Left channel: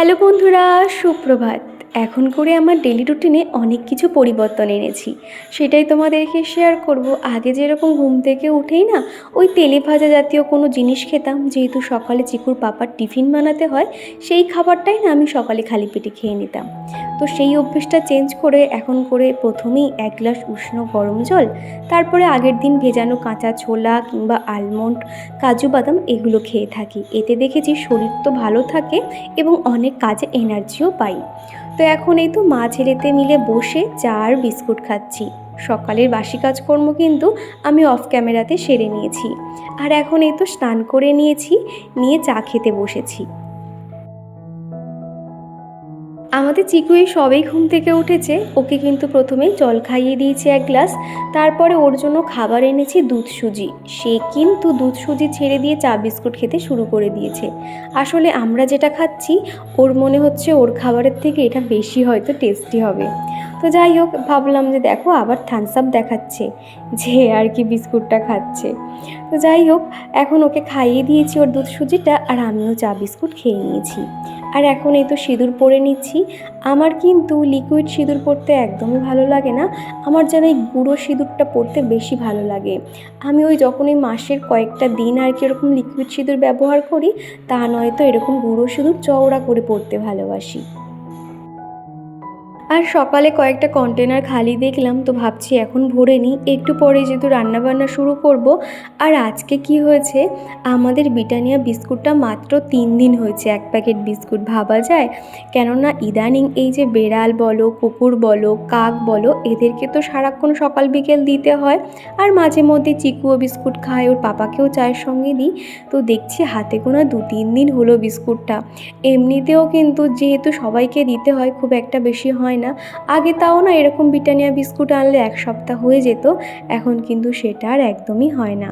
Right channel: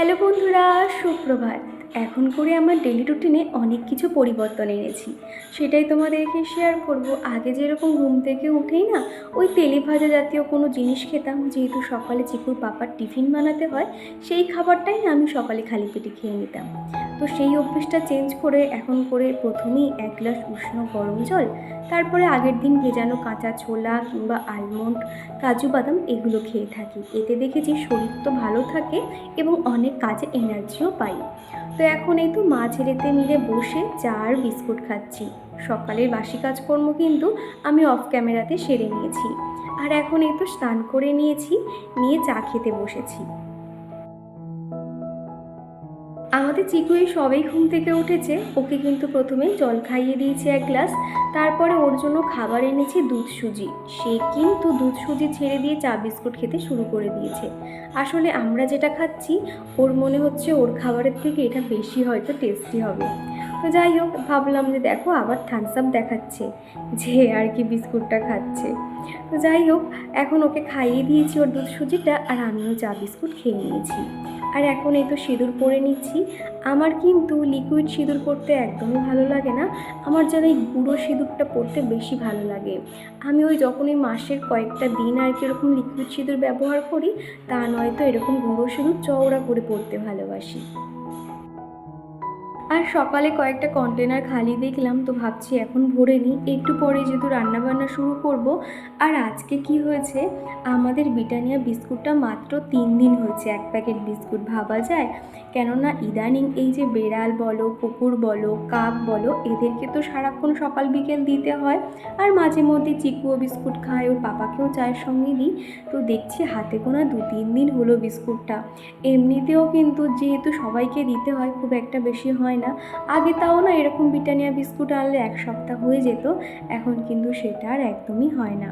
Hello বন্ধুরা সুপ্রভাত। এখন করে আমার ডেলি রুটিনে অনেক কিছু পরিবর্তন এনেছি। সেটাই তোমাদেরকে শেয়ার করব। আগে যেরকম ঘুম থেকে উঠেই না, ওই তেলে ভাজা জাতীয় কোনো জিনিস খেতাম। যেহেতু সকালে চিকুর পাপার টিফিন বানাতে হয়, সেই খাবারটাই না আমি সকালে খালি পেটে খেয়ে নিতাম। তো সেই অভ্যেসটা চেঞ্জ করে এখন করে প্রথমেই এক গ্লাস উষ্ণ গরম জল, তারপরে আগের দিন ভেজানো কাঁচা ছোলা কিংবা আলমন্ড কাজু বাদাম এগুলো খেয়ে থাকি। এতে দেখেছি শরীর তো ভালো থাকে এবং অনেক কাজে এনার্জিও পাই। তো এখন এই তো মা ছেলেতে মিলে বসে চা আর বিস্কুট খাচ্ছি। সকালের বাসি কাজকর্ম কিন্তু আমি অফ ক্যামেরাতে সেরে নিয়েছি। আর এখন এই তো স্নান করে নিয়েছি, নিয়ে চা খেতে বসেছি। আমাদের চিকু এই সবেই ঘুম থেকে উঠেছে। ওকে কিন্তু প্রথমে জল খাইয়ে দিয়েছি এক গ্লাস, তারপরে ওর জন্য খাবার এনেছি দুধ সুজি। সে কিন্তু দুধ সুজি ছেড়ে দিয়ে চা বিস্কুট খেতে শুরু করে দিয়েছে। আসলে আমরা যেটা খাচ্ছি, ওর মনে হচ্ছে ওর খাবারের থেকে এটা বেশি হয়তো টেস্টি হবে। তো যাই হোক, ভাবলাম যে দেখো আবার থামস আপ দেখাচ্ছে যে আর কি বিস্কুটটা খাচ্ছে। তো যাই হোক, এখন ওকে খাইয়ে দিয়েছি ওর দুধ সুজিটা আর আমিও চা বিস্কুট খেয়ে নিয়েছি। আর এখন এই তো সিঁদুর পরে নিচ্ছি। আমার কিন্তু লিকুইড সিঁদুর পরতে একদমই ভালো লাগে না। আমার যেন এই গুঁড়ো সিঁদুরটা পরতে বেশি ভালো লাগে। আমি ওই যখন ওই মাসের কয়েকটা দিন আর কি এরকম লিকুইড সিঁদুর ব্যবহার করি, তা নয়তো এরকম গুঁড়ো সিঁদুর চওড়া করে পরতে ভালোবাসি। আর সকালে কয়েকটা কন্টেনার খালি দেখলাম, তো ভাবছি এখন ভরে নিই। একটু পরে যেহেতু রান্নাবান্না শুরু করব, আর আজকে কি হয়েছে? আমাদের ব্রিটানিয়া বিস্কুটটা মাত্র তিন দিন হয়েছে, এক প্যাকেট বিস্কুট ভাবা যায়। কেননা ইদানিং এই যে বেড়াল বলো, কুকুর বলো, কাক বলো, এদেরকে তো সারাক্ষণ সকাল বিকেল দিতে হয়, আর মাঝে মধ্যে চিকুও বিস্কুট খায়, ওর পাপাকেও চায়ের সঙ্গে দিই। তো দেখছি হাতে গোনা দু তিন দিন হলো বিস্কুটটা। এমনিতেও কিন্তু যেহেতু সবাইকে দিতে হয়, খুব একটা বেশি হয় না। আগে তাও না এরকম ব্রিটানিয়া বিস্কুট আনলে এক সপ্তাহ হয়ে যেত, এখন কিন্তু সেটা আর একদমই হয় না।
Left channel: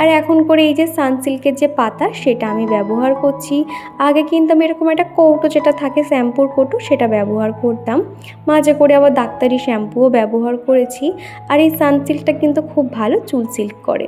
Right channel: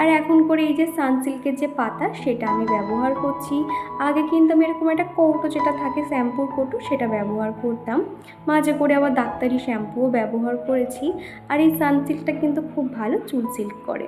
আর এখন করে এই যে সানসিল্কের যে পাতা, সেটা আমি ব্যবহার করছি। আগে কিন্তু আমি এরকম একটা কৌটো যেটা থাকে, শ্যাম্পুর কৌটো, সেটা ব্যবহার করতাম। মাঝে করে আবার ডাক্তারি শ্যাম্পুও ব্যবহার করেছি। আর এই সানসিল্কটা কিন্তু খুব ভালো চুল সিল্ক করে।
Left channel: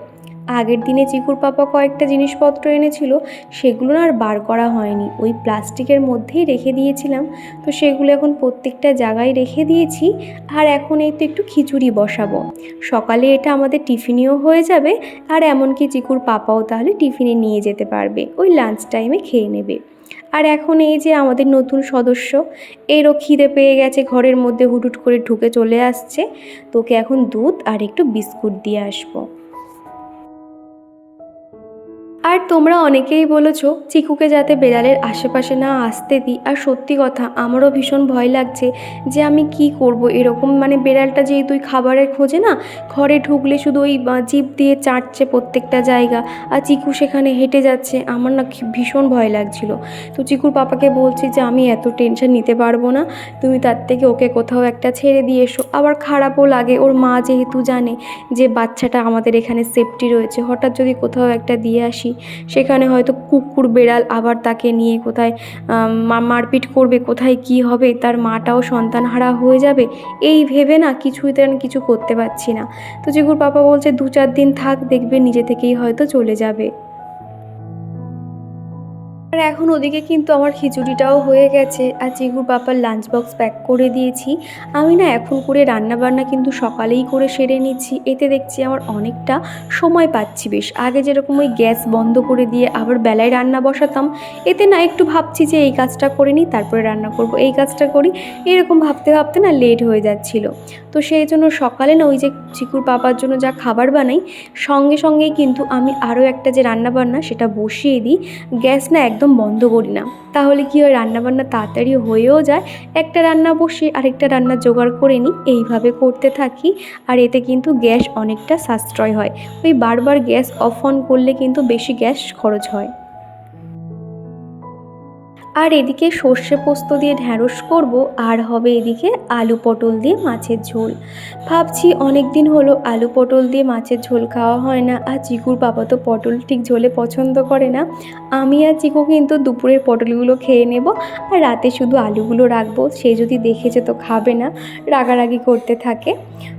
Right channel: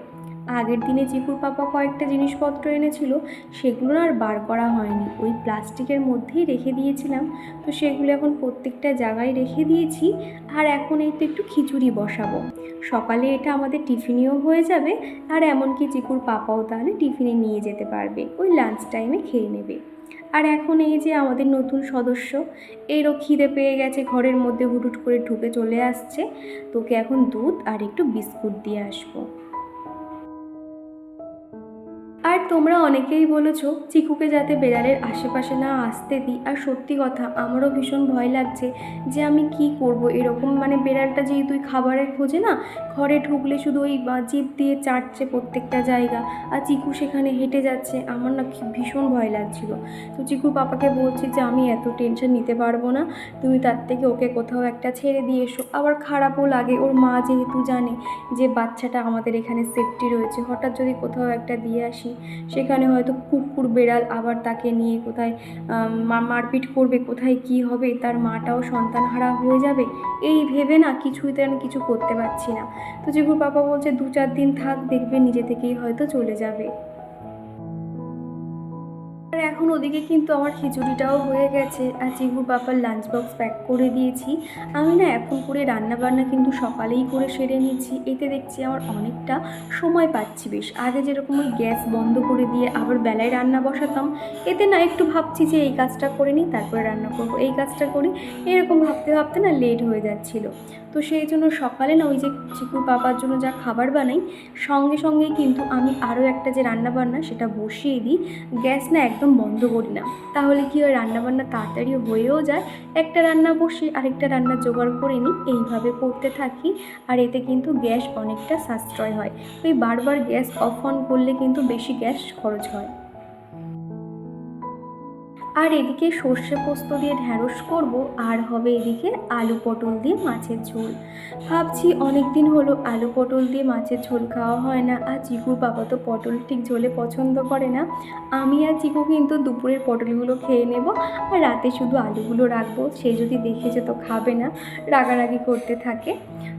আগের দিনে চিকুর পাপা কয়েকটা জিনিসপত্র এনেছিল সেগুলো আর বার করা হয়নি। ওই প্লাস্টিকের মধ্যেই রেখে দিয়েছিলাম। তো সেগুলো এখন প্রত্যেকটা জায়গায় রেখে দিয়েছি। আর এখন এই তো একটু খিচুড়ি বসাবো। সকালে এটা আমাদের টিফিনেও হয়ে যাবে। আর এমনকি চিকুর পাপাও তাহলে টিফিনে নিয়ে যেতে পারবে। ওই লাঞ্চ টাইমে খেয়ে নেবে। আর এখন এই যে আমাদের নতুন সদস্য, এরও খিদে পেয়ে গেছে, ঘরের মধ্যে হুটুট করে ঢুকে চলে আসছে। তোকে এখন দুধ আর একটু বিস্কুট দিয়ে আসব। আর তোমরা অনেকেই বলেছ, চিকুকে যাতে বেড়ালের আশেপাশে না আসতে দিই। আর সত্যি কথা, আমারও ভীষণ ভয় লাগছে যে আমি কি করব। এরকম মানে বেড়ালটা যেহেতু খাবারের খোঁজে না, ঘরে ঢুকলে শুধু ওই জিভ দিয়ে চাটছে প্রত্যেকটা জায়গা আর চিকু সেখানে হেঁটে যাচ্ছে। আমার না ভীষণ ভয় লাগছিল। তো চিকুর পাপাকে বলছি যে, আমি এত টেনশন নিতে পারব না। তুমি তার থেকে ওকে কোথাও একটা ছেড়ে দিয়ে এসো। আবার খারাপও লাগে। ওর মা যেহেতু জানে যে বাচ্চাটা আমাদের এখানে সেফটি রয়েছে, হঠাৎ যদি কোথাও একটা দিয়ে আসি সেখানে হয়তো কুকুর, বেড়াল আবার তাকে নিয়ে কোথায় মারপিট করবে, কোথায় কি হবে, তার মাটাও সন্তানহারা হয়ে যাবে, এই ভেবে না কিছুতে আমি কিছু করতে পারছি না। তো জিগুর বাবা বলছে, দু চার দিন থাক, দেখবে নিজে থেকেই হয়তো চলে যাবে। আর এখন ওদিকে কিন্তু আমার খিচুড়িটাও হয়ে গেছে। আর চিগুর পাপার লাঞ্চ বক্স প্যাক করে দিয়েছি। আমি না এখন করে রান্না বান্না কিন্তু সকালেই করে সেরে নিচ্ছি। এতে দেখছি আমার অনেকটা সময় পাচ্ছি বেশ। আগে যেরকম ওই গ্যাস বন্ধ করে দিয়ে আবার বেলায় রান্না বসাতাম, এতে না একটু ভাবছি যে এই কাজটা করে নিই, তারপরে রান্না করব। এই কাজটা করি, এরকম ভাবতে ভাবতে না লেট হয়ে যাচ্ছিল। তো সেই জন্য সকালে না ওই যে চিকুর পাপার জন্য যা খাবার বানাই, সঙ্গে সঙ্গেই কিন্তু আমি আরও একটা যে রান্না বান্না সেটা বসিয়ে দিই। গ্যাস না একদম বন্ধ করি না। তাহলে কি হয়? রান্নাবান্না তাড়াতাড়ি হয়েও যায়। একটা রান্না বসে আরেকটা রান্না জোগাড় করে নিই। এইভাবে করতে থাকি। আর এতে কিন্তু গ্যাস অনেকটা সাশ্রয় হয়। ওই বারবার গ্যাস অফ অন করলে কিন্তু বেশি গ্যাস খরচ হয়। আর এদিকে সর্ষে পোস্ত দিয়ে ঢ্যাঁড়স করব, আর হবে এদিকে আলু পটল দিয়ে মাছের ঝোল। ভাবছি অনেক দিন হলো আলু পটল দিয়ে মাছের ঝোল খাওয়া হয় না, আর চিকুর বাবা তো পটল ঠিক ঝোলে পছন্দ করে না। আমি আর চিকু কিন্তু দুপুরের পটলগুলো খেয়ে নেব, আর রাতে শুধু আলুগুলো রাখব, সে যদি দেখেছে তো খাবে না, রাগারাগি করতে থাকে।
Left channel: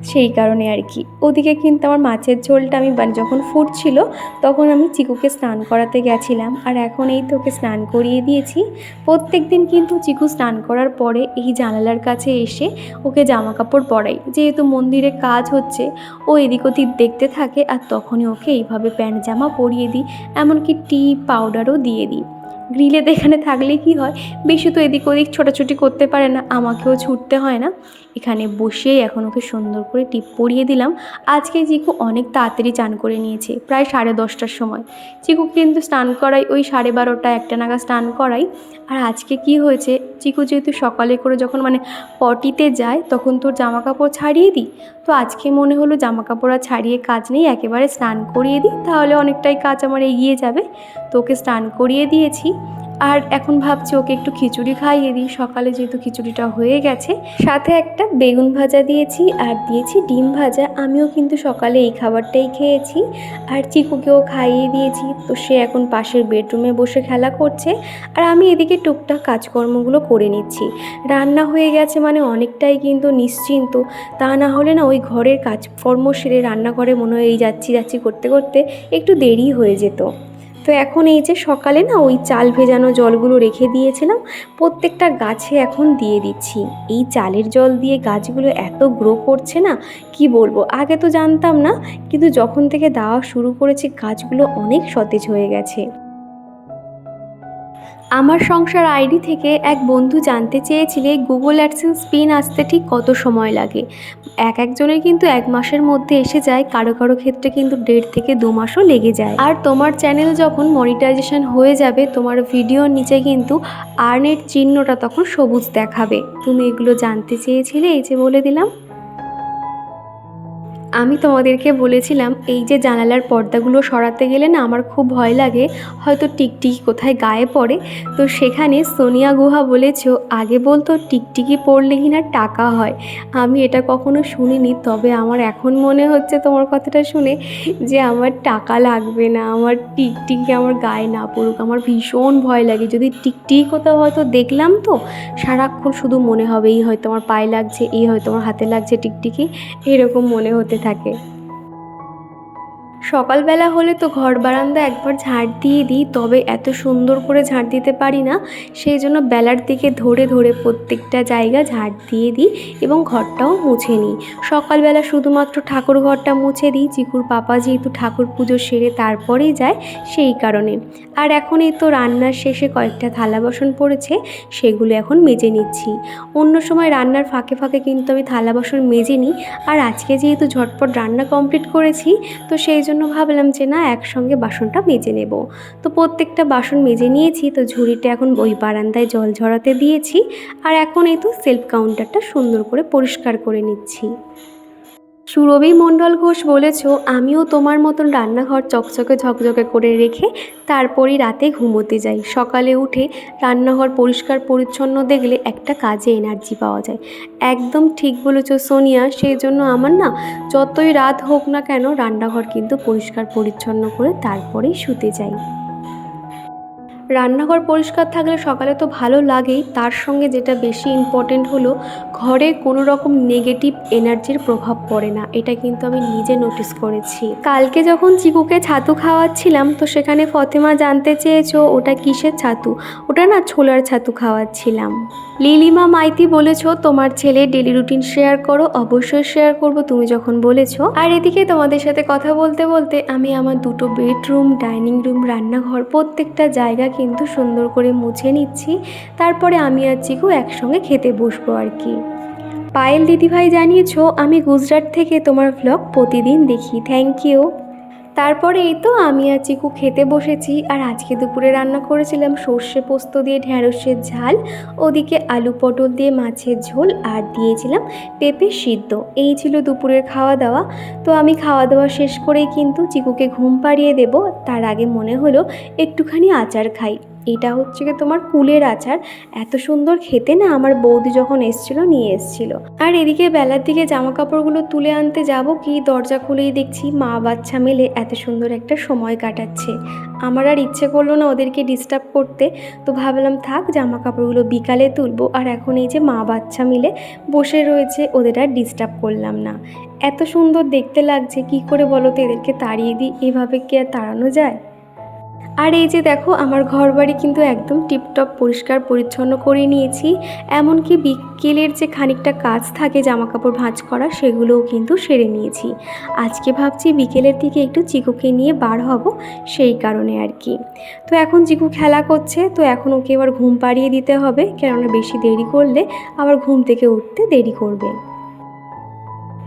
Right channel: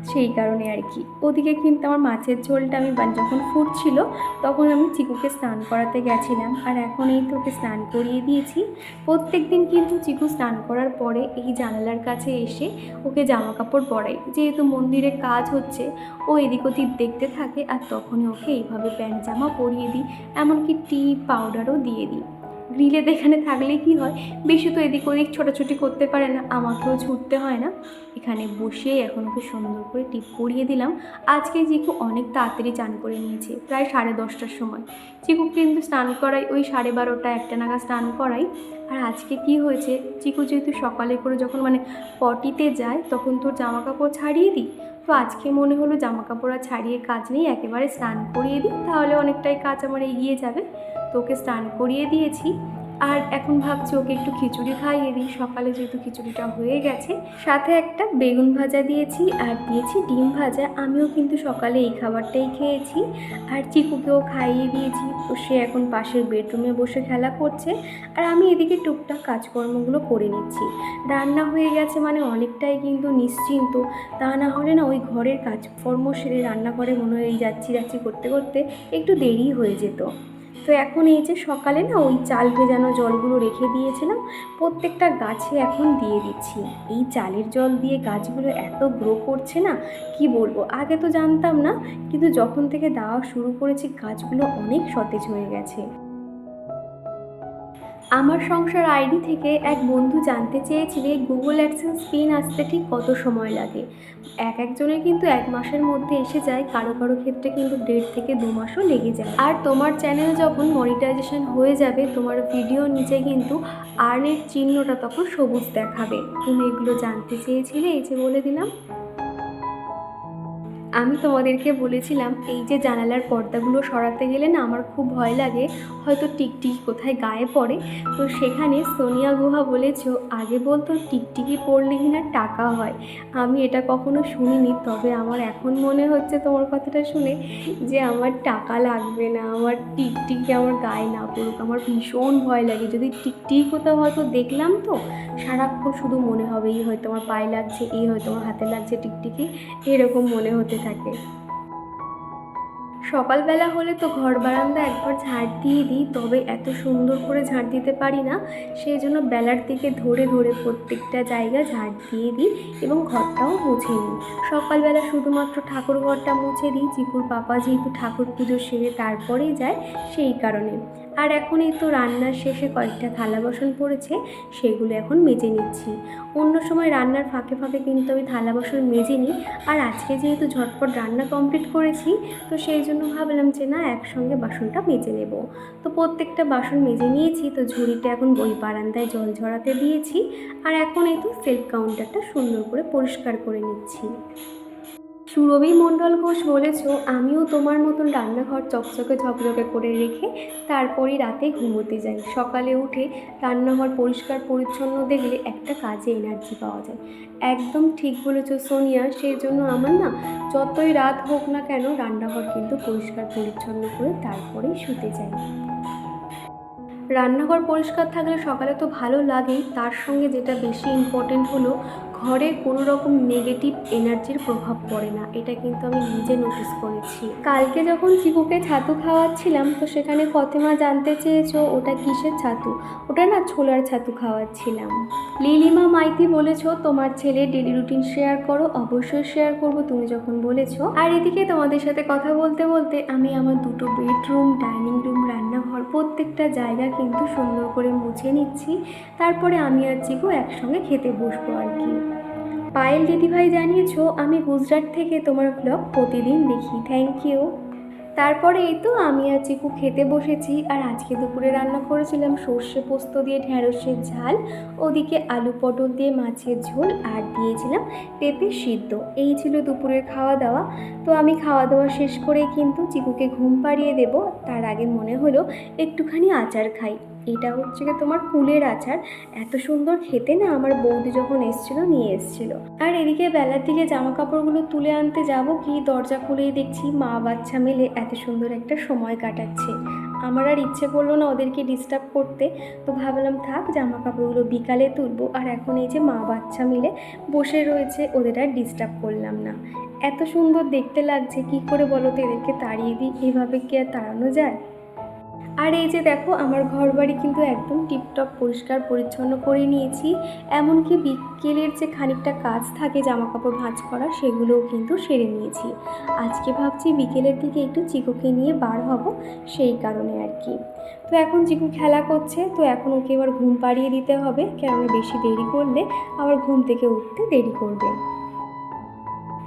সেই কারণে আর কি। ওদিকে কিন্তু আমার মাছের ঝোলটা আমি যখন ফুটছিল, তখন আমি চিকুকে স্নান করাতে গেছিলাম, আর এখন এই তোকে স্নান করিয়ে দিয়েছি। প্রত্যেক দিন কিন্তু চিকু স্নান করার পরে এই জানালার কাছে এসে ওকে জামা কাপড় পরাই। যেহেতু মন্দিরে কাজ হচ্ছে, ও এদিক ওদিক দেখতে থাকে আর তখনই ওকে এইভাবে প্যান্ট জামা পরিয়ে দিই, এমনকি টি পাউডারও দিয়ে দিই। গ্রিলে এখানে থাকলে কি হয়, বেশি তো এদিক ওদিক ছোটাছুটি করতে পারে না, আমাকেও ছুটতে হয় না। এখানে বসেই এখন ওকে সুন্দর করে টিপ পরিয়ে দিলাম। আজকে চিকু অনেক তাড়াতাড়ি চান করে নিয়েছে, প্রায় সাড়ে দশটার সময়। চিকু কিন্তু স্নান করাই ওই সাড়ে বারোটা একটা নাগাদ স্নান করাই আর আজকে কি হয়েছে? চিকু যেহেতু সকালে করে যখন মানে পটিতে যায়, তখন তোর জামা কাপড় ছাড়িয়ে দিই? তো আজকে মনে হলো জামা কাপড় আর ছাড়িয়ে কাজ নেই, একেবারে স্নান করিয়ে দিই, তাহলে অনেকটাই কাজ আমার এগিয়ে যাবে। তো ওকে স্নান করিয়ে দিয়েছি। আর এখন ভাবছি ওকে একটু খিচুড়ি খাইয়ে দিই। সকালে যেহেতু খিচুড়িটা হয়ে গেছে, সাথে একটা বেগুন ভাজা দিয়েছি আর দিয়েছি ডিম ভাজা। আমিও কিন্তু সকালে এই খাবারটাই খেয়েছি আর চিকুকেও খাইয়ে দিয়েছি। তো সে এখন পাশের বেডরুমে বসে খেলা করছে আর আমি এদিকে টুকটাক কাজকর্মগুলো করে নিচ্ছি। রান্না হয়ে গেছে মানে অনেকটাই কিন্তু নিশ্চিন্ত। তা না হলে না ওই ঘরের কাজকর্ম সেরে রান্নাঘরে মনে হয় যাচ্ছি যাচ্ছি করতে করতে একটু দেরি হয়ে যেত। তো এখন এই যে সকালে না ওই চাল ভেজানো জলগুলো রেখে দিয়েছিলাম, প্রত্যেকটা গাছে এখন দিয়ে দিচ্ছি। এই চালের জল দিয়ে গাছগুলো এত গ্রো করছে না, কি বলব? আগে তো জানতাম না, কিন্তু যখন থেকে দেওয়া শুরু করেছি গাছগুলো অনেক সতেজ হয়ে গেছে। আমার সংসার আইডি থেকে এক বন্ধু জানতে চেয়েছিলে গুগল অ্যাডসেন্স পিন আসতে ঠিক কত সময় লাগে। এক একজনের কিন্তু এক মাসের মধ্যে এসে যায়, কারও কারও ক্ষেত্রে কিন্তু দেড় থেকে দু মাসও লেগে যায়। আর তোমার চ্যানেল যখন মনিটাইজেশন হয়ে যাবে, তোমার ভিডিওর নিচে কিন্তু আর্নের চিহ্নটা তখন সবুজ দেখাবে। তুমি এগুলো জানতে চেয়েছিলে, এই যে বলে দিলাম। আমি তোমাদেরকে বলেছিলাম, এই যে জানালার পর্দাগুলো সরাতে গেলে না আমার খুব ভয় লাগে, হয়তো টিকটিকি কোথায় গায়ে পড়ে। তো সেখানে সোনিয়া গুহা বলেছ, আগে বলতো টিকটিকি পড়লে কিনা টাকা হয়। আমি এটা কখনো শুনিনি, তবে আমার এখন মনে হচ্ছে তোমার কথাটা শুনে যে আমার টাকা লাগবে না, আমার টিকটিকি আমার গায়ে না পড়ুক, আমার ভীষণ ভয় লাগে। যদি টিকটিকি কোথাও হয়তো দেখলাম তো, সারাক্ষণ শুধু মনে হবে এই হয়তো আমার পায়ে লাগছে, এই হয়তো আমার হাতে লাগছে টিকটিকি, এরকম মনে হতে থাকে। সকালবেলা হলে তো ঘর বারান্দা একবার ঝাড় দিয়ে দিই, তবে এত সুন্দর করে ঝাড় দিতে পারি না। সেই জন্য বেলার দিকে ধরে ধরে প্রত্যেকটা জায়গা ঝাড় দিয়ে দিই এবং ঘরটাও মুছে নিই। সকালবেলা শুধুমাত্র ঠাকুর ঘরটা মুছে দিই, চিকুর পাপা যেহেতু ঠাকুর পুজো সেরে তারপরেই যায়, সেই কারণে। আর এখন এই তো রান্নার শেষে কয়েকটা থালা বাসন পড়েছে, সেগুলো এখন মেজে নিচ্ছি। অন্য সময় রান্নার ফাঁকে ফাঁকে কিন্তু আমি থালা বাসন মেজে নিই আর আজকে যেহেতু ঝটপট রান্না কমপ্লিট করেছি, তো সেই জন্য ভাবলাম যে না, একসঙ্গে বাসনটা মেজে নেব। তো প্রত্যেকটা বাসন মেজে নিয়েছি, তো ঝুড়িটা এখন ওই বারান্দায় জল ঝরাতে দিয়েছি, আর এখন এই তো সেলফ কাউন্টারটা সুন্দর করে পরিষ্কার করে নিচ্ছি। সুরভি মণ্ডল ঘোষ বলেছ, আমিও তোমার মতন রান্নাঘর চকচকে ঝকঝকে করে রেখে তারপরেই রাতে ঘুমোতে যাই। সকালে উঠে রান্নাঘর পরিষ্কার পরিচ্ছন্ন দেখলে একটা কাজে এনার্জি পাওয়া যায়। একদম ঠিক বলেছ সোনিয়া সেই জন্য আমার না যতই রাত হোক না কেন রান্নাঘর কিন্তু পরিষ্কার পরিচ্ছন্ন করে তারপরেই শুতে যাই। রান্নাঘর পরিষ্কার থাকলে সকালে তো ভালো লাগেই। তার সঙ্গে যেটা বেশি ইম্পর্টেন্ট হলো ঘরে কোনো রকম নেগেটিভ এনার্জির প্রভাব পড়ে না। এটা কিন্তু আমি নিজে নোটিস করেছি। কালকে যখন চিকুকে ছাতু খাওয়াচ্ছিলাম, তো সেখানে ফতেমা জানতে চেয়েছো, ওটা কিসের ছাতু? ওটা না ছোলার ছাতু খাওয়াচ্ছিলাম। লিলিমা মাইতি বলেছ, তোমার ছেলে ডেলি রুটিন শেয়ার করো, অবশ্যই শেয়ার করব, তুমি যখন বলেছ। আর এদিকে তোমাদের সাথে কথা বলতে বলতে আমি আমার দুটো বেডরুম ডাইনিং রুম রান্নাঘর প্রত্যেকটা জায়গা কিন্তু সুন্দর করে মুছে নিচ্ছি। তারপরে আমি আর চিকু একসঙ্গে খেতে বসবো আর কি। পায়েল দিদিভাই জানিয়েছো, আমি গুজরাট থেকে তোমার ভ্লগ প্রতিদিন দেখি। থ্যাংক ইউ তারপরে এই তো, আমি আর চিকু খেতে বসেছি, আর আজকে দুপুরে রান্না করেছিলাম সর্ষে পোস্ত দিয়ে ঢ্যাঁড়সের ঝাল, ওদিকে আলু পটল দিয়ে মাছের ঝোল, আর দিয়েছিলাম পেঁপে সিদ্ধ। এই ছিল দুপুরের খাওয়া দাওয়া তো আমি খাওয়া দাওয়া শেষ করেই কিন্তু চিকুকে ঘুম পাড়িয়ে দেব, তার আগে মনে হলো একটুখানি আচার খাই। এটা হচ্ছে কি তোমার কুলের আচার। এত সুন্দর খেতে না আমার বৌদি যখন এসছিল, নিয়ে এসছিল। আর এদিকে বেলার দিকে জামা কাপড়গুলো তুলে আনতে যাব কি, দরজা খুলেই দেখছি মা বাচ্চা মিলে এত সুন্দর একটা সময় কাটাচ্ছে। আমার আর ইচ্ছে করল না ওদেরকে ডিস্টার্ব করতে। তো ভাবলাম, থাক জামা কাপড়গুলো বিকালে তুলবো। আর এখন এই যে মা বাচ্চা মিলে বসে রয়েছে, ওদের আর ডিস্টার্ব করলাম না। এত সুন্দর দেখতে লাগছে, কি করে বলো তো এদেরকে তাড়িয়ে দিই? এভাবে কি আর তাড়ানো যায়? আর এই যে দেখো, আমার ঘর বাড়ি কিন্তু একদম টিপটপ, পরিষ্কার, পরিচ্ছন্ন করে নিয়েছি। এমনকি বিকেলের যে খানিকটা কাজ থাকে জামা কাপড় ভাঁজ করা, সেগুলোও কিন্তু সেরে নিয়েছি। আজকে ভাবছি বিকেলের দিকে একটু চিকুকে নিয়ে বার হব, সেই কারণে আর কি। তো এখন চিকু খেলা করছে, তো এখন ওকে এবার ঘুম পাড়িয়ে দিতে হবে। কেননা বেশি দেরি করলে আবার ঘুম থেকে উঠতে দেরি করবে।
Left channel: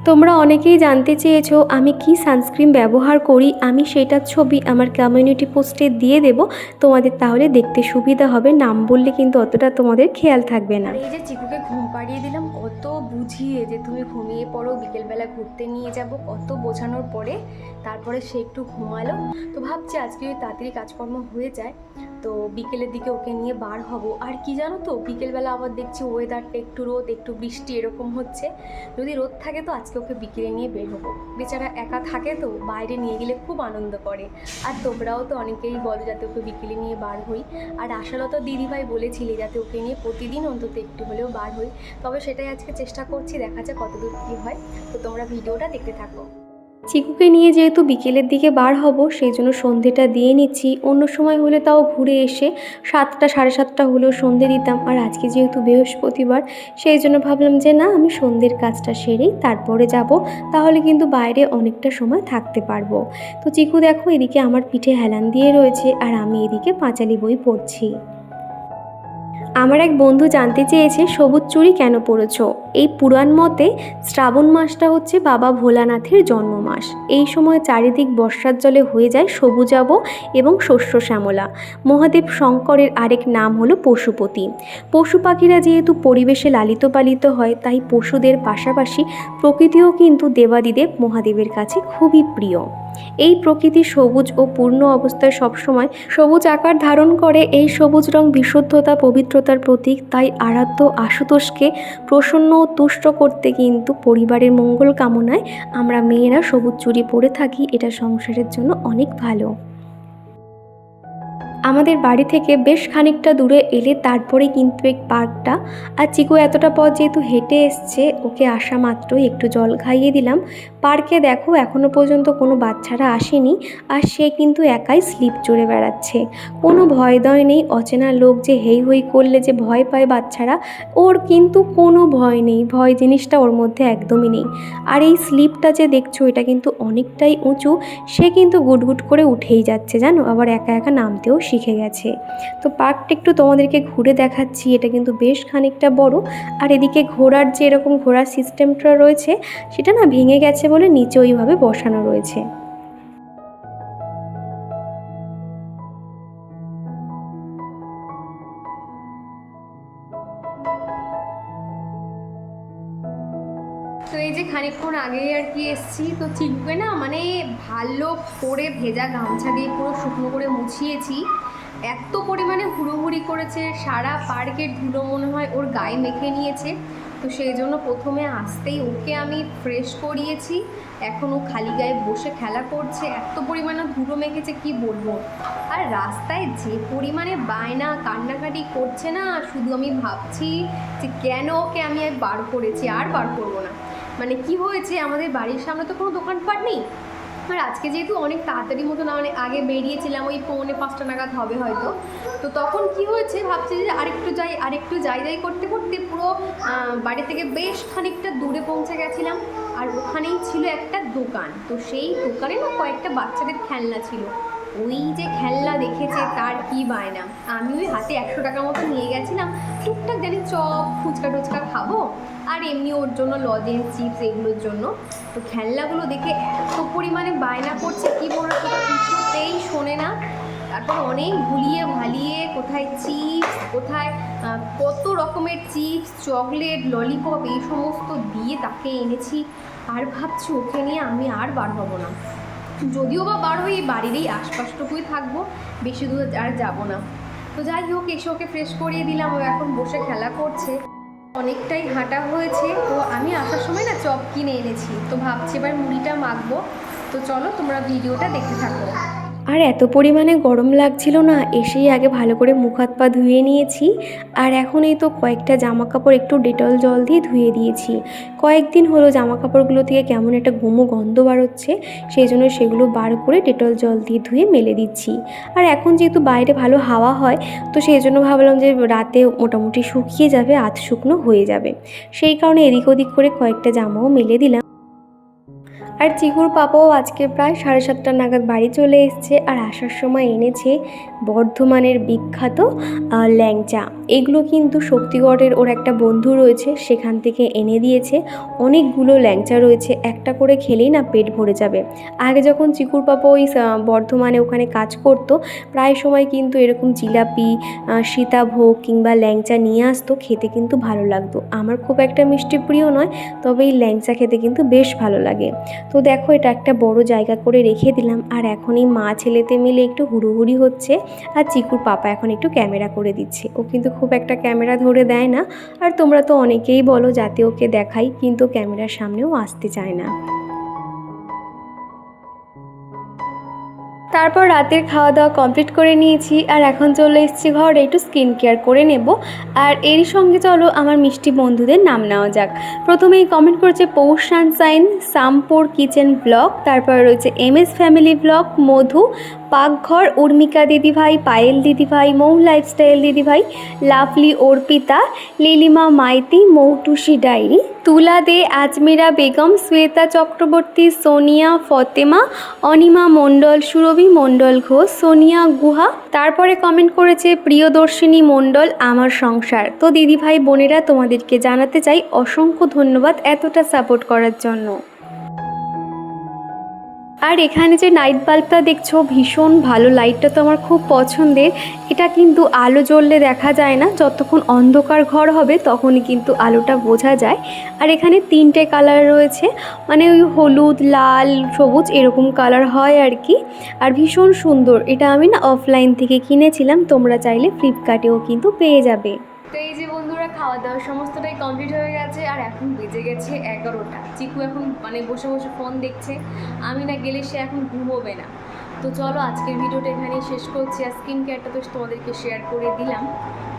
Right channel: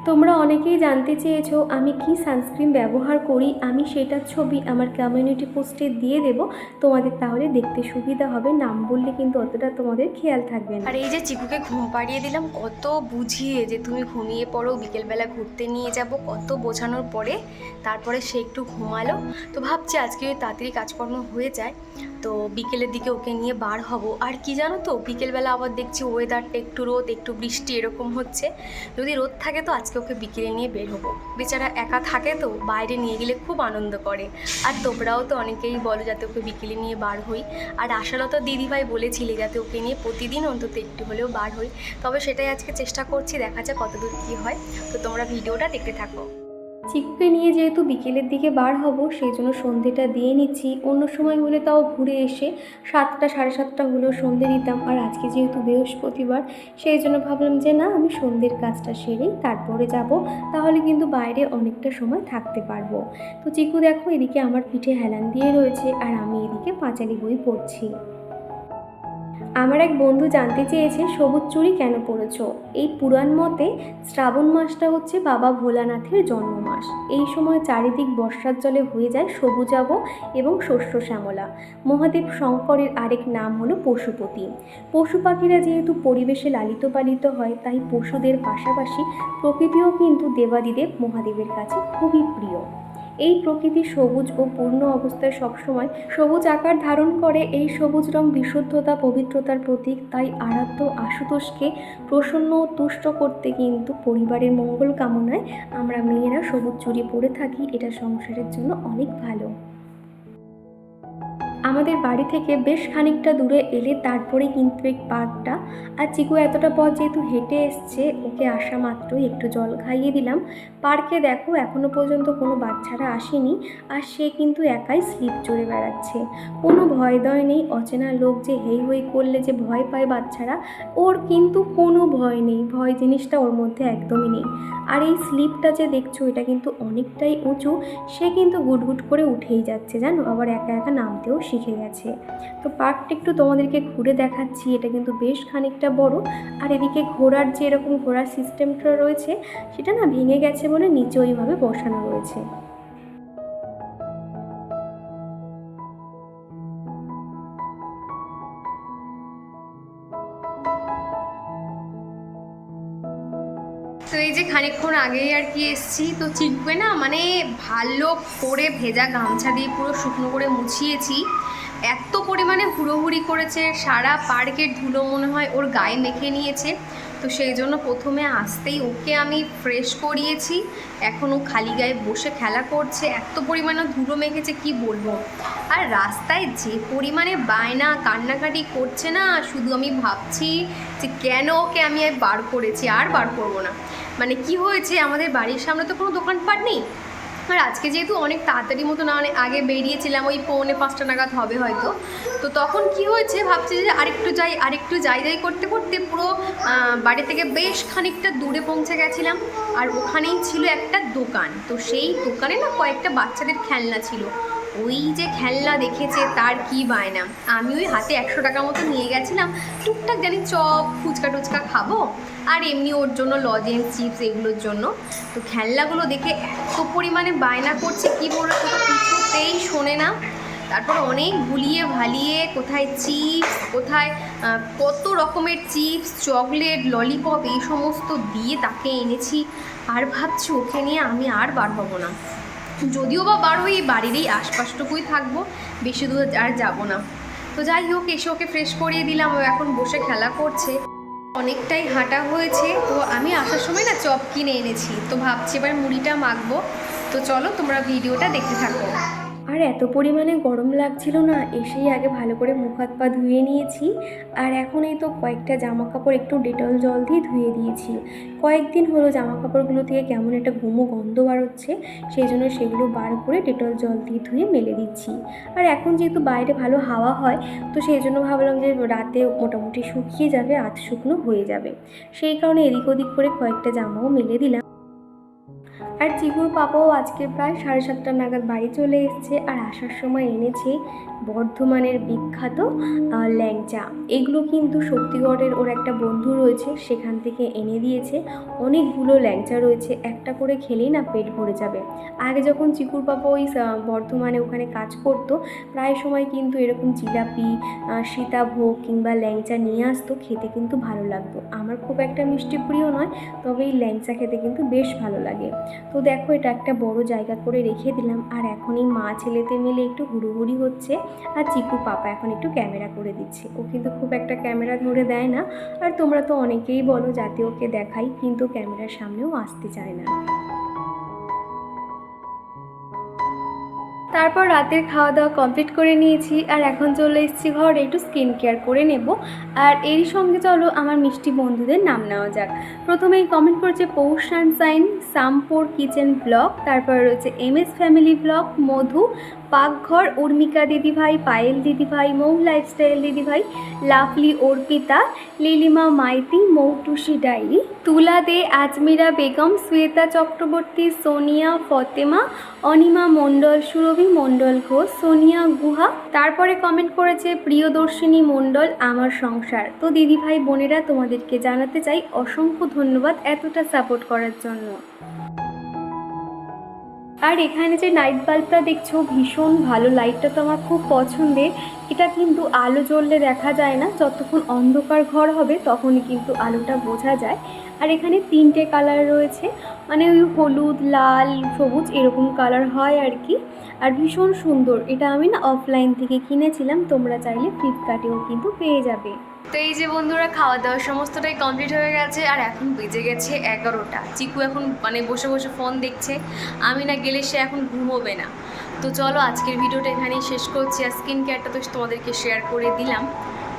তোমরা অনেকেই জানতে চেয়েছো আমি কি সানস্ক্রিন ব্যবহার করি, আমি সেটার ছবি আমার কমিউনিটি পোস্টে দিয়ে দেব, তোমাদের তাহলে দেখতে সুবিধা হবে, নাম বললে কিন্তু অতটা তোমাদের খেয়াল থাকবে না। আর এই যে চিকুকে ঘুম পাড়িয়ে দিলাম, কত বুঝিয়ে যে তুমি ঘুমিয়ে পড়ো, বিকেলবেলা ঘুরতে নিয়ে যাব, কত বোঝানোর পরে তারপরে সে একটু ঘুমালো। তো ভাবছি আজকে ওই তাড়াতাড়ি কাজকর্ম হয়ে যায়, তো বিকেলের দিকে ওকে নিয়ে বার হব। আর কি জানো তো, বিকেলবেলা আবার দেখছি ওয়েদারটা একটু রোদ, একটু বৃষ্টি এরকম হচ্ছে। যদি রোদ থাকে তো আজকে ওকে বিকেলে নিয়ে বের হব। বেচারা একা থাকে তো, বাইরে নিয়ে গেলে খুব আনন্দ করে। আর তোমরাও তো অনেকেই বলো যাতে ওকে বিকেলে নিয়ে বার হই। আর আশালতা দিদিভাই বলেছিলে যাতে ওকে নিয়ে প্রতিদিন অন্তত একটু হলেও বার হই। তবে সেটাই আজকে চেষ্টা করছি, দেখা যাক কতদূর কী হয়। তো তোমরা ভিডিওটা দেখতে থাকো। চিকুকে নিয়ে যেহেতু বিকেলের দিকে বার হব, সেই জন্য সন্ধেটা দিয়ে নিচ্ছি। অন্য সময় হলে তাও ঘুরে এসে সাতটা, সাড়ে সাতটা হলেও সন্ধে দিতাম। আর আজকে যেহেতু বৃহস্পতিবার, সেই জন্য ভাবলাম যে না, আমি সন্ধ্যের কাজটা সেরেই তারপরে যাব। তাহলে কিন্তু বাইরে অনেকটা সময় থাকতে পারব। তো চিকু দেখো, এদিকে আমার পিঠে হেলান দিয়ে রয়েছে, আর আমি এদিকে পাঁচালি বই পড়ছি। আমার এক বন্ধু জানতে চেয়েছে সবুজ চুরি কেন পড়েছ এই পুরাণ মতে শ্রাবণ মাসটা হচ্ছে বাবা ভোলানাথের জন্ম মাস এই সময় চারিদিক বর্ষার জলে হয়ে যায় সবুজাব এবং শস্য শ্যামলা। মহাদেব শঙ্করের আরেক নাম হলো পশুপতি। পশু পাখিরা যেহেতু পরিবেশে লালিত পালিত হয়, তাই পশুদের পাশাপাশি প্রকৃতিও কিন্তু দেবাদিদেব মহাদেবের কাছে খুবই প্রিয়। এই প্রকৃতি সবুজ ও পূর্ণ অবস্থায় সবসময় সবুজ আকার ধারণ করে। এই সবুজ রং বিশুদ্ধতা, পবিত্রতার প্রতীক। তাই আরাধ্য আশুতোষকে প্রসন্ন ও তুষ্ট করতে কিন্তু পরিবারের মঙ্গল কামনায় আমরা মেয়েরা সবুজ চুরি পরে থাকি। এটা সংসারের জন্য অনেক ভালো। আমাদের বাড়ি থেকে বেশ খানিকটা দূরে এলে তারপরে কিন্তু এই পার্কটা। আর চিকু এতটা পথ যেহেতু হেঁটে এসছে, ওকে আসা মাত্রই একটু জল খাইয়ে দিলাম। পার্কে দেখো এখনও পর্যন্ত কোনো বাচ্চারা আসেনি আর সে কিন্তু একাই স্লিপ চড়ে বেড়াচ্ছে। কোনো ভয় দয় নেই, অচেনা লোক যে হেই হই করলে যে ভয় পায় বাচ্চারা, ওর কিন্তু কোনো ভয় নেই, ভয় জিনিসটা ওর মধ্যে একদমই নেই। আর এই স্লিপটা যে দেখছ, এটা কিন্তু অনেকটাই উঁচু, সে কিন্তু গুটগুট করে উঠেই যাচ্ছে, জানো? আবার একা একা নামতেও শিখে গেছে। তো পার্কটা একটু তোমাদেরকে ঘুরে দেখাচ্ছি, এটা কিন্তু বেশ খানিকটা বড়। আর এদিকে ঘোড়ার যে এরকম ঘোড়ার সিস্টেমটা রয়েছে, সেটা না ভেঙে গেছে বলে নিচে ওইভাবে বসানো রয়েছে। তো এই যে খানিকক্ষণ আগেই আর কি এসছি, তো চিকবে না মানে ভালো করে ভেজা গামছা দিয়ে পুরো শুকনো করে মুছিয়েছি। এত পরিমাণে হুড়োহুড়ি করেছে, সারা পার্কের ধুলো মনে হয় ওর গায়ে মেখে নিয়েছে। তো সেই জন্য প্রথমে আসতেই ওকে আমি ফ্রেশ করিয়েছি। এখন ও খালি গায়ে বসে খেলা করছে, এত পরিমাণে ধুলো মেখেছে, কি বলব? আর রাস্তায় যে পরিমাণে বায়না, কান্নাকাটি করছে না, শুধু আমি ভাবছি যে কেন ওকে আমি আর বার করেছি, আর বার করব না। মানে কি হয়েছে, আমাদের বাড়ির সামনে তো কোনো দোকানপাট নেই। আর আজকে যেহেতু অনেক তাড়াতাড়ি মতো না অনেক আগে বেরিয়েছিলাম, ওই পৌনে পাঁচটা নাগাদ হবে হয়তো। তো তখন কি হয়েছে, ভাবছি যে আরেকটু যাই আরেকটু যাই যাই করতে করতে পুরো বাড়ি থেকে বেশ খানিকটা দূরে পৌঁছে গেছিলাম। আর ওখানেই ছিল একটা দোকান। তো সেই দোকানে না কয়েকটা বাচ্চাদের খেলনা ছিল। ওই যে খেলনা দেখেছে, তার কি বায়না? আমি ওই হাতে একশো টাকা মতো নিয়ে গেছিলাম। টুকটাক জানি চপ, ফুচকা টুচকা খাব। আর এমনি ওর জন্য লজেন্স চিপস এগুলোর জন্য। তো খেলনাগুলো দেখে এত পরিমাণে বায়না করছে, কি বলব কিছুতেই শোনে না। তারপর অনেক ভুলিয়ে ভালিয়ে কোথায় চিপস, কোথায় কত রকমের চিপস, চকলেট, ললিপপ, এই সমস্ত দিয়ে তাকে এনেছি। আর ভাবছি ওকে নিয়ে আমি আর বার হব না। যদিও বা বার হই এই বাড়ির এই আশপাশটুকুই থাকব, বেশি দূর আর যাব না। তো যাই হোক, এসে ওকে ফ্রেশ করিয়ে দিলাম, ও এখন বসে খেলা করছে। অনেকটাই হাঁটা হয়েছে, তো আমি আসার সময় না চপ কিনে এনেছি। তো ভাবছি এবার মুড়িটা মাখবো। তো চলো, তোমরা ভিডিওটা দেখতে থাকো। আর এত পরিমাণে গরম লাগছিল না, এসেই আগে ভালো করে মুখ হাত পা ধুয়ে নিয়েছি। আর এখন এই তো কয়েকটা জামা কাপড় একটু ডেটল জল দিয়ে ধুয়ে দিয়েছি। কয়েকদিন হলো জামা কাপড়গুলো থেকে কেমন একটা গুমো গন্ধ বাড়চ্ছে, সেই জন্য সেগুলো বার করে ডেটল জল দিয়ে ধুয়ে মেলে দিচ্ছি। আর এখন যেহেতু বাইরে ভালো হাওয়া হয়, তো সেই জন্য ভাবলাম যে রাতে মোটামুটি শুকিয়ে যাবে, আধ শুকনো হয়ে যাবে। সেই কারণে এদিক ওদিক করে কয়েকটা জামাও মেলে দিলাম। আর চিকুর পাপাও আজকে প্রায় সাড়ে সাতটা নাগাদ বাড়ি চলে এসছে আর আসার সময় এনেছে বর্ধমানের বিখ্যাত ল্যাংচা। এগুলো কিন্তু শক্তিগড়ের ওর একটা বন্ধু রয়েছে, সেখান থেকে এনে দিয়েছে। অনেকগুলো ল্যাংচা রয়েছে, একটা করে খেলেই না পেট ভরে যাবে। আগে যখন চিকুর পাপা ওই বর্ধমানে ওখানে কাজ করতো, প্রায় সময় কিন্তু এরকম জিলাপি সীতাভোগ কিংবা ল্যাংচা নিয়ে আসতো, খেতে কিন্তু ভালো লাগতো। আমার খুব একটা মিষ্টি প্রিয় নয়, তবে এই ল্যাংচা খেতে কিন্তু বেশ ভালো লাগে। তো দেখো, এটা একটা বড় জায়গা করে রেখে দিলাম, আর এখন এই মা ছেলেতে মিলে একটু হুড়োহুড়ি হচ্ছে, আর চিকুর পাপা এখন একটু ক্যামেরা করে দিচ্ছে। ও কিন্তু খুব একটা ক্যামেরা ধরে দেয় না। আর তোমরা তো অনেকেই বলো যাতে ওকে দেখাই, কিন্তু ক্যামেরার সামনেও আসতে চায় না। তারপর রাতের খাওয়া দাওয়া কমপ্লিট করে নিয়েছি আর এখন চলে এসেছি ঘরে একটু স্কিন কেয়ার করে নেব। আর এরই সঙ্গে চলো আমার মিষ্টি বন্ধুদের নাম নেওয়া যাক। প্রথমেই কমেন্ট করছে Poush sunshine, Sampur kitchen blog তারপর রয়েছে M S family blog Madhu, Pakghar, Urmika দিদিভাই, পায়েল দিদিভাই, মৌ লাইফস্টাইল দিদিভাই, লাভলি অর্পিতা, লিলিমা মাইতি, মৌটুসি ডায়েরি। তুলা দে আজমিরা বেগম, শ্বেতা চক্রবর্তী, সোনিয়া ফতেমা, অনিমা মণ্ডল, সুরভি মণ্ডল ঘোষ, সোনিয়া গুহা। তারপরে কমেন্ট করেছে প্রিয়দর্শিনী মণ্ডল, আমার সংসার। তো দিদিভাই বোনেরা তোমাদেরকে জানাতে চাই অসংখ্য ধন্যবাদ এতটা সাপোর্ট করার জন্য। আর এখানে যে নাইট বাল্বটা দেখছ, ভীষণ ভালো। লাইটটা তো আমার খুব পছন্দের। এটা কিন্তু আলো জ্বললে দেখা যায় না। যতক্ষণ অন্ধকার ঘর হবে, তখনই কিন্তু আলোটা বোঝা যায়। আর এখানে তিনটে কালার রয়েছে। মানে ওই হলুদ, লাল, সবুজ এরকম কালার হয় আর কি। আর ভীষণ সুন্দর। এটা আমি না অফলাইন থেকে কিনেছিলাম। তোমরা চাইলে ফ্লিপকার্টেও কিন্তু পেয়ে যাবে। তো এই যে বন্ধুরা খাওয়া দাওয়া সমস্তটাই কমপ্লিট হয়ে গেছে আর এখন বেজে গেছে এগারোটা। চিকু এখন মানে বসে বসে ফোন দেখছে। আমি না গেলে সে এখন ঘুমোবে না। তো চলো আজকের ভিডিওটা এখানেই শেষ করছি। আর স্কিন কেয়ারটা তো তোমাদেরকে শেয়ার করে দিলাম।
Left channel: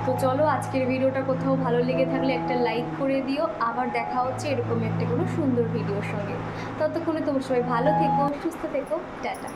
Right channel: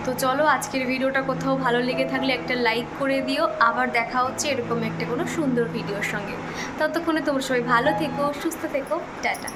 তো চলো আজকের ভিডিওটা কোথাও ভালো লেগে থাকলে একটা লাইক করে দিও। আবার দেখা হচ্ছে এরকম একটা কোনো সুন্দর ভিডিওর সঙ্গে। ততক্ষণে তোমরা সবাই ভালো থেকো, সুস্থ থেকো। টাটা।